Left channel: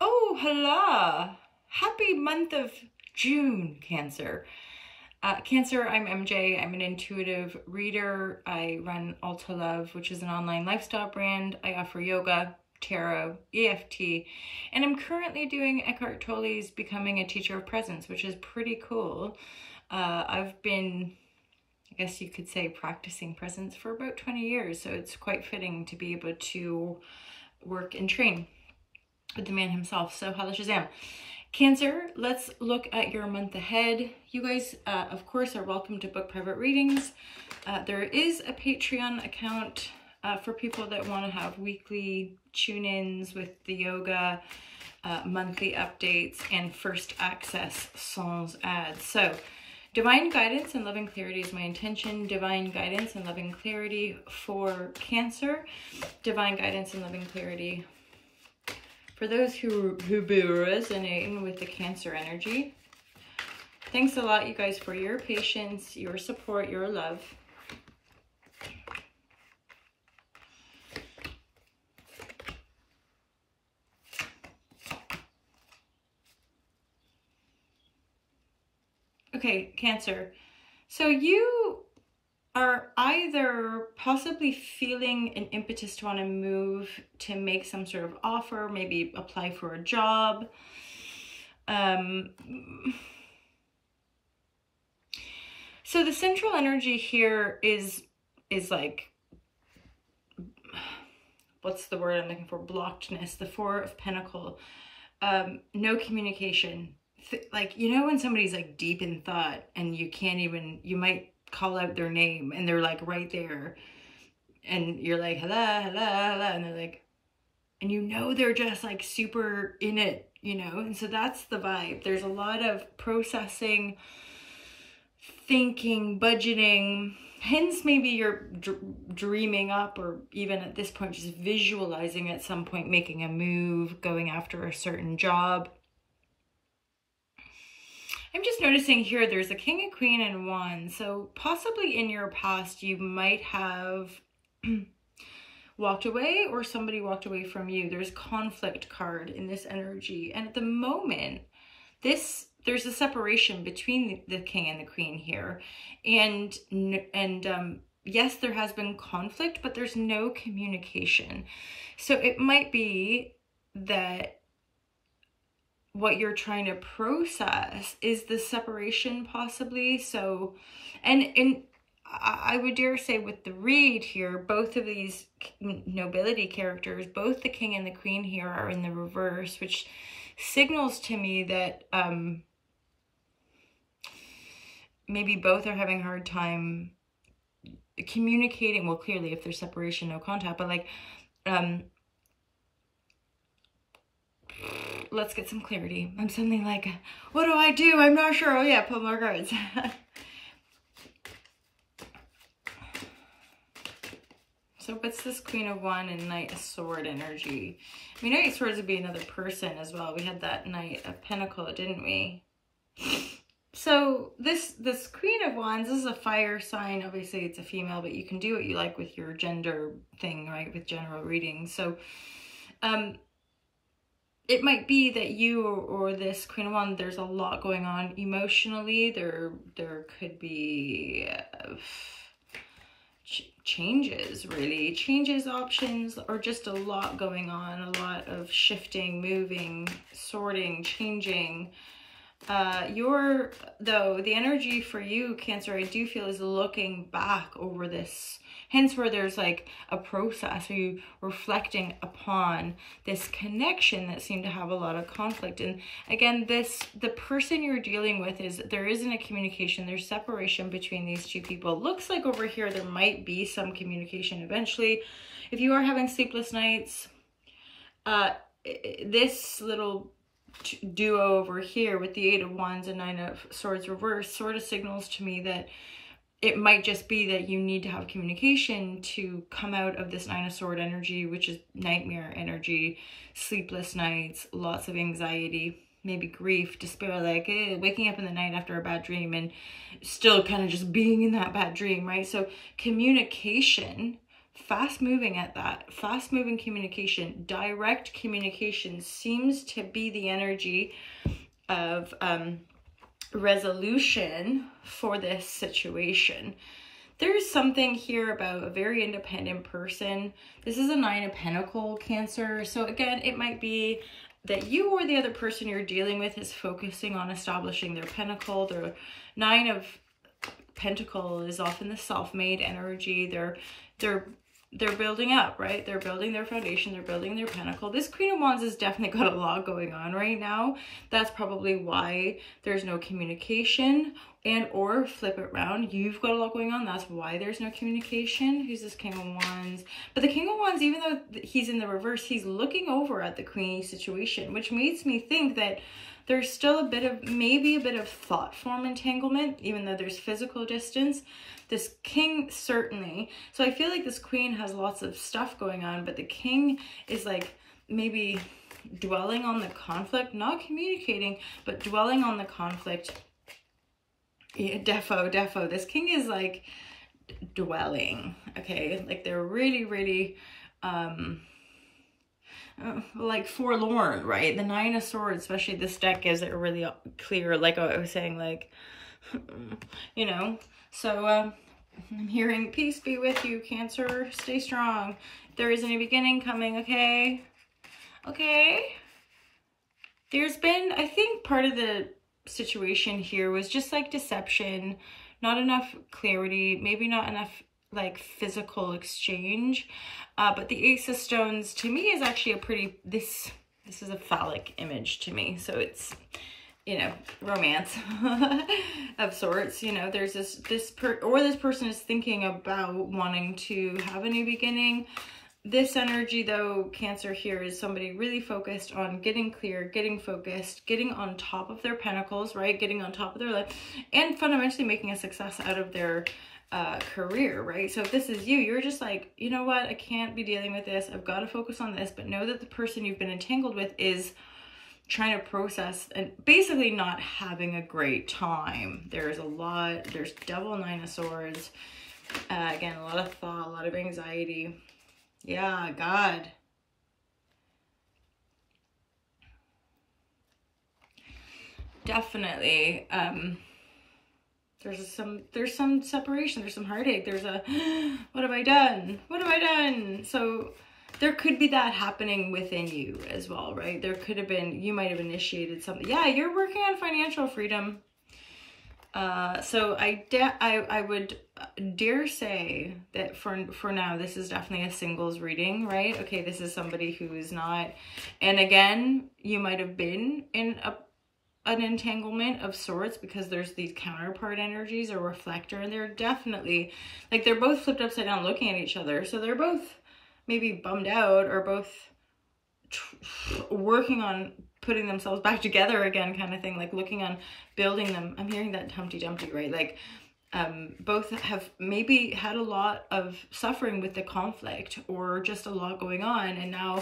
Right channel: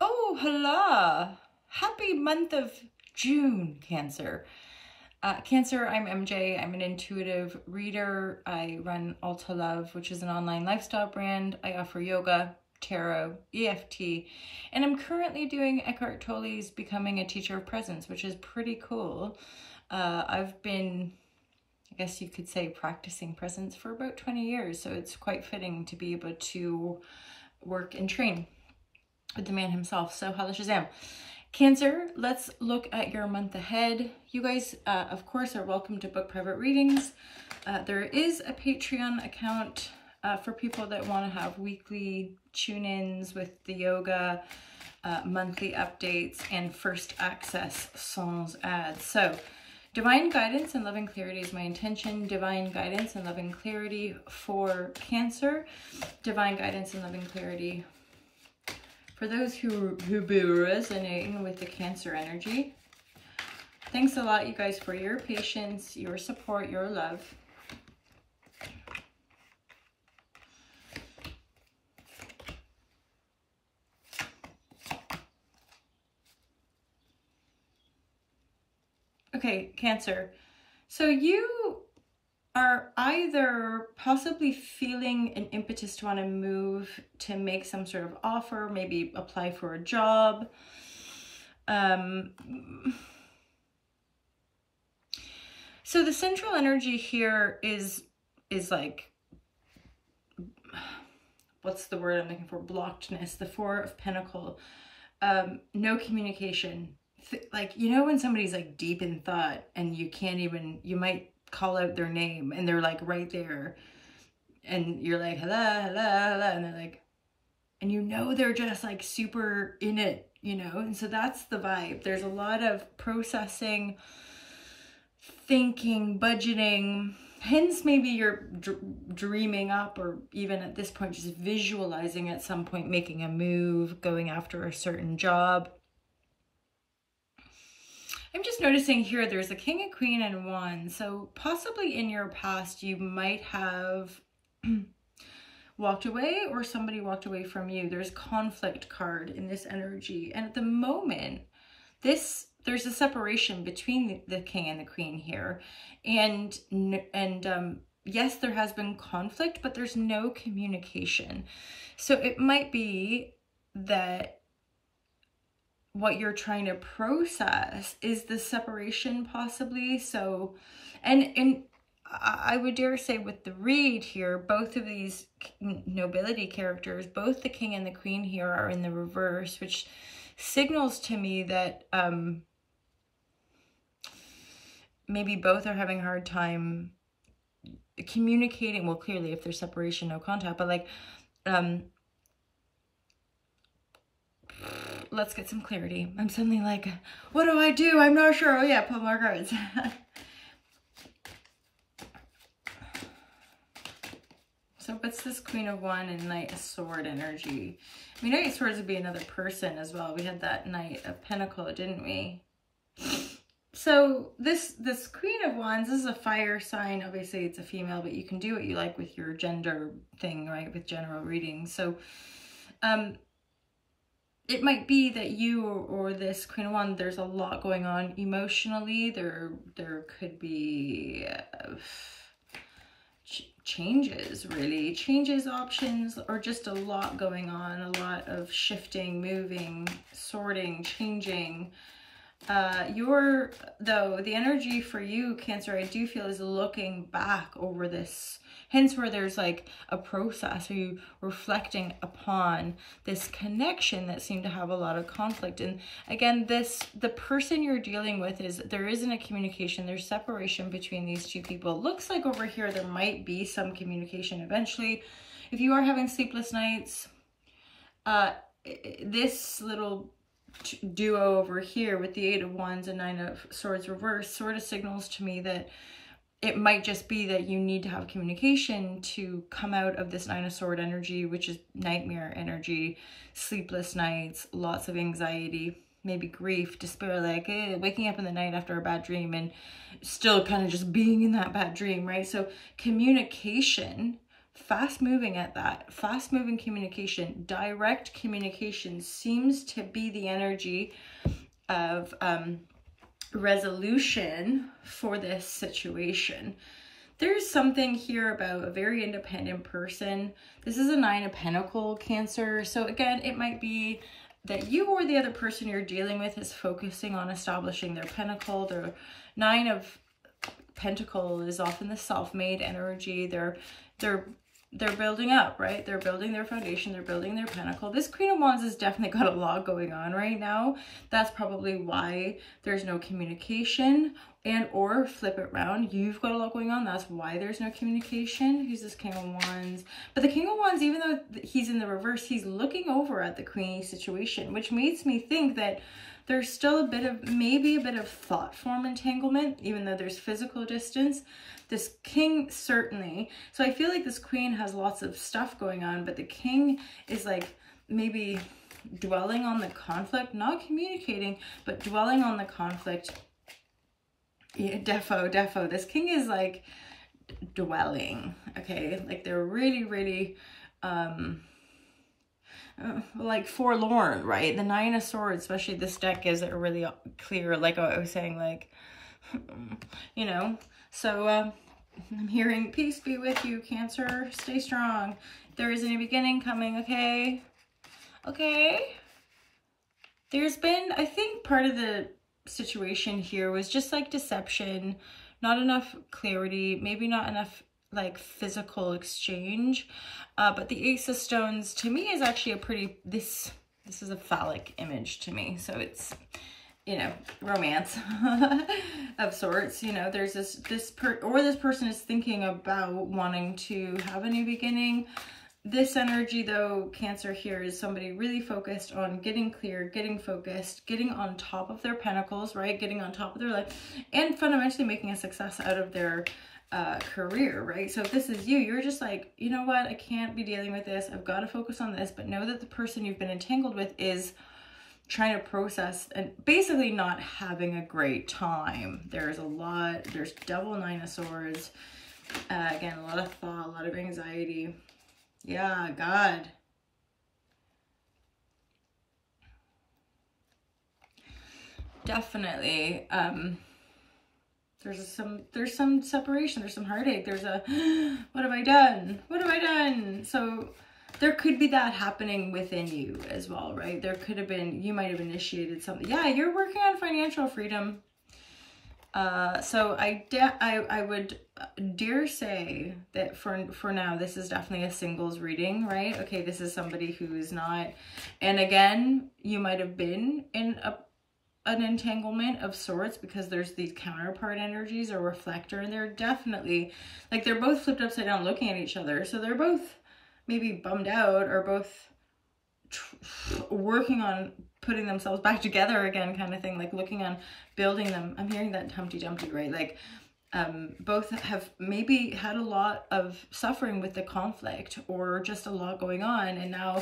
Oh, hello. Happy month of June, Cancer. Cancer, I'm MJ. I'm an intuitive reader. I run Alta Love, which is an online lifestyle brand. I offer yoga, tarot, EFT, and I'm currently doing Eckhart Tolle's Becoming a Teacher of Presence, which is pretty cool. I've been, I guess you could say, practicing presence for about 20 years, so it's quite fitting to be able to work and train with the man himself. So holla Shazam. Cancer, let's look at your month ahead. You guys, of course, are welcome to book private readings. There is a Patreon account for people that want to have weekly tune-ins with the yoga, monthly updates, and first access sans ads. So divine guidance and loving clarity is my intention. Divine guidance and loving clarity for Cancer. Divine guidance and loving clarity for those who be resonating with the Cancer energy. Thanks a lot, you guys, for your patience, your support, your love. Okay, Cancer. So you are either possibly feeling an impetus to want to move, to make some sort of offer, maybe apply for a job. So the central energy here is like, what's the word I'm looking for? Blockedness, the Four of Pentacles. No communication. Like, you know, when somebody's like deep in thought and you can't even, you might call out their name and they're like right there and you're like, hello, hello, hello. And they're like, and you know, they're just like super in it, you know? And so that's the vibe. There's a lot of processing, thinking, budgeting, hence maybe you're dreaming up, or even at this point, just visualizing at some point, making a move, going after a certain job. I'm just noticing here, there's a King and Queen and Wands. So possibly in your past, you might have walked away, or somebody walked away from you. There's conflict card in this energy. And at the moment, there's a separation between the King and the Queen here. And yes, there has been conflict, but there's no communication. So it might be that what you're trying to process is the separation, possibly. So, and I would dare say with the read here, both of these nobility characters, both the King and the Queen here, are in the reverse, which signals to me that maybe both are having a hard time communicating. Well, clearly if there's separation, no contact, but like, let's get some clarity. I'm suddenly like, what do I do? I'm not sure. Oh yeah, pull more cards. So what's this Queen of Wands and Knight of Sword energy? I mean, Knight of Swords would be another person as well. We had that Knight of Pentacles, didn't we? So this Queen of Wands, this is a fire sign. Obviously it's a female, but you can do what you like with your gender thing, right? With general readings. So it might be that you or this Queen of Wands, there's a lot going on emotionally. There could be changes, really. Changes, options, or just a lot going on. A lot of shifting, moving, sorting, changing. The energy for you, Cancer, I do feel is looking back over this, hence where there's like a process, where you reflecting upon this connection that seemed to have a lot of conflict. And again, the person you're dealing with, there isn't a communication, there's separation between these two people. It looks like over here there might be some communication eventually. If you are having sleepless nights, this little duo over here with the Eight of Wands and Nine of Swords reverse sort of signals to me that it might just be that you need to have communication to come out of this Nine of Swords energy, which is nightmare energy, sleepless nights, lots of anxiety, maybe grief, despair, like waking up in the night after a bad dream and still kind of just being in that bad dream, right? So communication fast moving at that. Fast moving communication, direct communication seems to be the energy of resolution for this situation. There's something here about a very independent person. This is a 9 of Pentacles, Cancer. So again, it might be that you or the other person you're dealing with is focusing on establishing their pinnacle. Their 9 of Pentacles is often the self-made energy. They're building up, right? They're building their foundation. They're building their pinnacle. This Queen of Wands has definitely got a lot going on right now. That's probably why there's no communication, and or flip it around. You've got a lot going on. That's why there's no communication. Who's this King of Wands? But the King of Wands, even though he's in the reverse, he's looking over at the Queenie situation, which makes me think that there's still maybe a bit of thought form entanglement, even though there's physical distance. This King, certainly. So I feel like this Queen has lots of stuff going on, but the King is like maybe dwelling on the conflict, not communicating, but dwelling on the conflict. Yeah, defo. This King is like dwelling, okay? Like they're really, really, like forlorn, right? The 9 of Swords, especially this deck, gives it really clear, like I was saying, like, you know. So I'm hearing peace be with you, Cancer. Stay strong. There is a new beginning coming, okay? Okay. There's been, I think part of the situation here was just like deception, not enough clarity, maybe not enough like physical exchange. But the Ace of Stones to me is actually a pretty, this is a phallic image to me. So it's, you know, romance of sorts. You know, there's this person is thinking about wanting to have a new beginning. This energy though, Cancer, here is somebody really focused on getting clear, getting focused, getting on top of their pentacles, right? Getting on top of their life, and fundamentally making a success out of their career, right? So if this is you, you're just like, you know what, I can't be dealing with this. I've got to focus on this. But know that the person you've been entangled with is trying to process and basically not having a great time. There's a lot, there's Devil, 9 of Swords. Again, a lot of thought, a lot of anxiety. Yeah, God. Definitely. There's some separation, there's some heartache, there's a, what have I done? What have I done? So there could be that happening within you as well, right? There could have been, you might have initiated something. Yeah, you're working on financial freedom. So I would dare say that for now, this is definitely a singles reading, right? Okay, this is somebody who is not, and again, you might have been in an entanglement of sorts because there's these counterpart energies or reflector, and they're definitely, like, they're both flipped upside down looking at each other. So they're both maybe bummed out or both working on putting themselves back together again, kind of thing, like looking on building them. I'm hearing that Humpty Dumpty, right? Like both have maybe had a lot of suffering with the conflict or just a lot going on, and now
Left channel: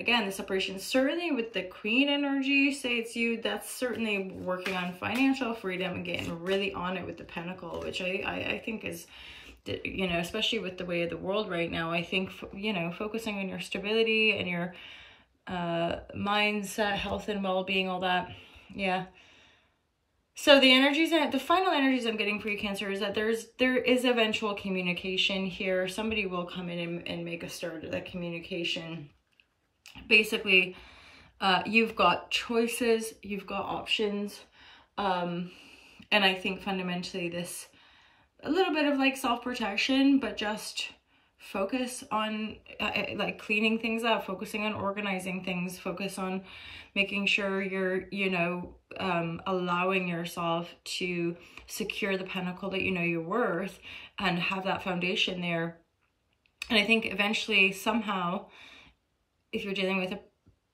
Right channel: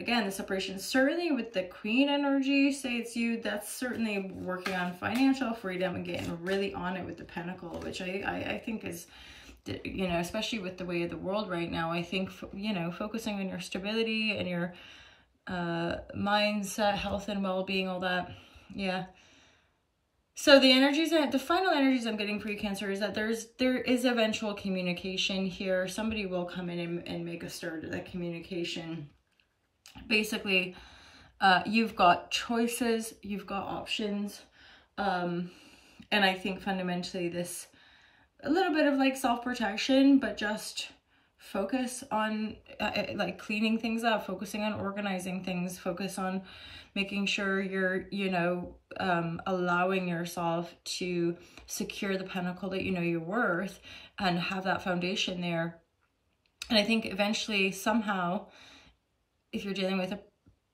again the separation, certainly with the Queen energy, say it's you, that's certainly working on financial freedom and getting really on it with the Pentacle, which I think is, you know, especially with the way of the world right now, I think, you know, focusing on your stability and your mindset, health and well-being, all that. Yeah. So the energies, the final energies I'm getting for you, Cancer, is that there is eventual communication here. Somebody will come in and make a start at that communication. Basically, you've got choices, you've got options. And I think fundamentally this, a little bit of like self-protection, but just focus on like cleaning things up, focusing on organizing things, focus on making sure you're, you know, allowing yourself to secure the pinnacle that you know you're worth and have that foundation there. And I think eventually, somehow, if you're dealing with a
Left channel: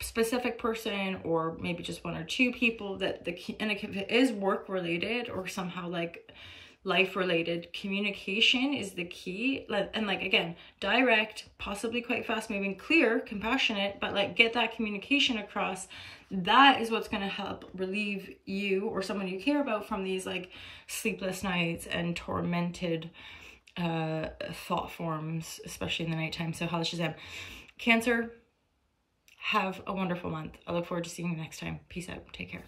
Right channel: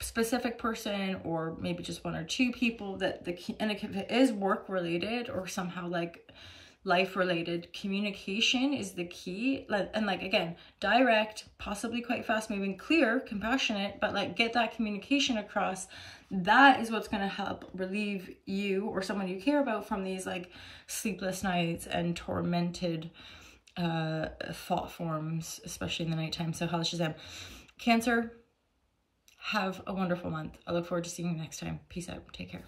specific person or maybe just one or two people, that and if it is work related or somehow like life related, communication is the key. And like, again, direct, possibly quite fast moving, clear, compassionate, but like get that communication across. That is what's going to help relieve you or someone you care about from these like sleepless nights and tormented thought forms, especially in the nighttime. So Hala Shazam. Cancer, have a wonderful month. I look forward to seeing you next time. Peace out. Take care.